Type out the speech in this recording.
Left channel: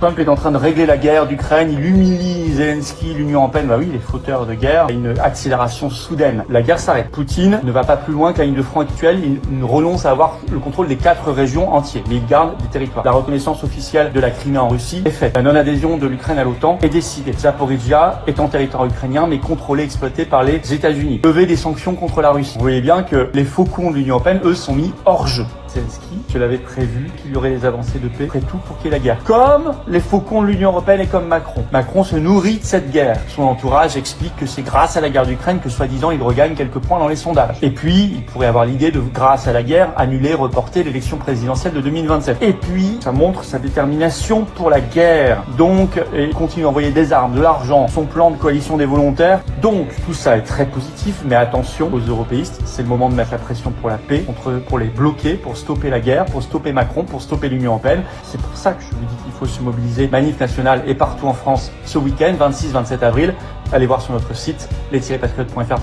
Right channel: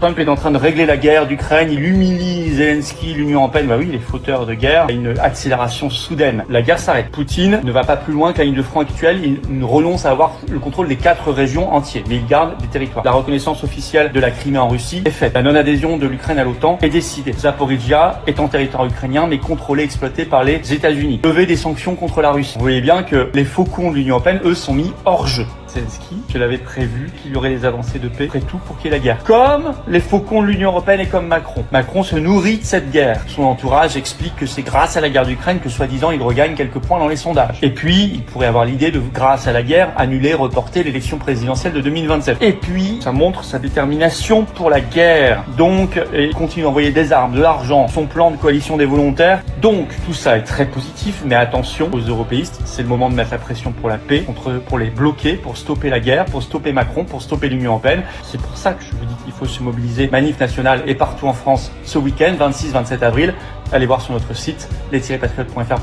Trump est en train de régler la guerre d'Ukraine, il humilie Zelensky, l'Union européenne, bah oui, les fauteurs de guerre, une accélération soudaine. La guerre s'arrête. Poutine ne va pas plus loin que la ligne de front actuelle, il renonce à avoir le contrôle des 4 régions entières, mais il garde des territoires. La reconnaissance officielle de la Crimée en Russie est faite. La non-adhésion de l'Ukraine à l'OTAN est décidée. Zaporizhzhia est en territoire ukrainien, mais contrôlé, exploité par les États-Unis. Lever des sanctions contre la Russie. Vous voyez bien que les faucons de l'Union européenne, eux, sont mis hors jeu. Zelensky, je l'avais prévu qu'il y aurait des avancées de paix, après tout pour qu'il y ait la guerre. Comme les faucons de l'Union européenne et comme Macron. Macron se nourrit de cette guerre. Son entourage explique que c'est grâce à la guerre d'Ukraine que soi-disant il regagne quelques points dans les sondages. Et puis, il pourrait avoir l'idée de, grâce à la guerre, annuler, reporter l'élection présidentielle de 2027. Et puis, ça montre sa détermination pour la guerre. Donc, il continue d'envoyer des armes, de l'argent, son plan de coalition des volontaires. Donc, tout ça est très positif, mais attention aux européistes, c'est le moment de mettre la pression pour la paix, pour les bloquer, pour stopper la guerre, pour stopper Macron, pour stopper l'Union européenne. C'est pour ça que je vous dis qu'il faut se mobiliser. Manif nationale et partout en France ce week-end, 26-27 avril. Allez voir sur notre site, les-patriotes.fr.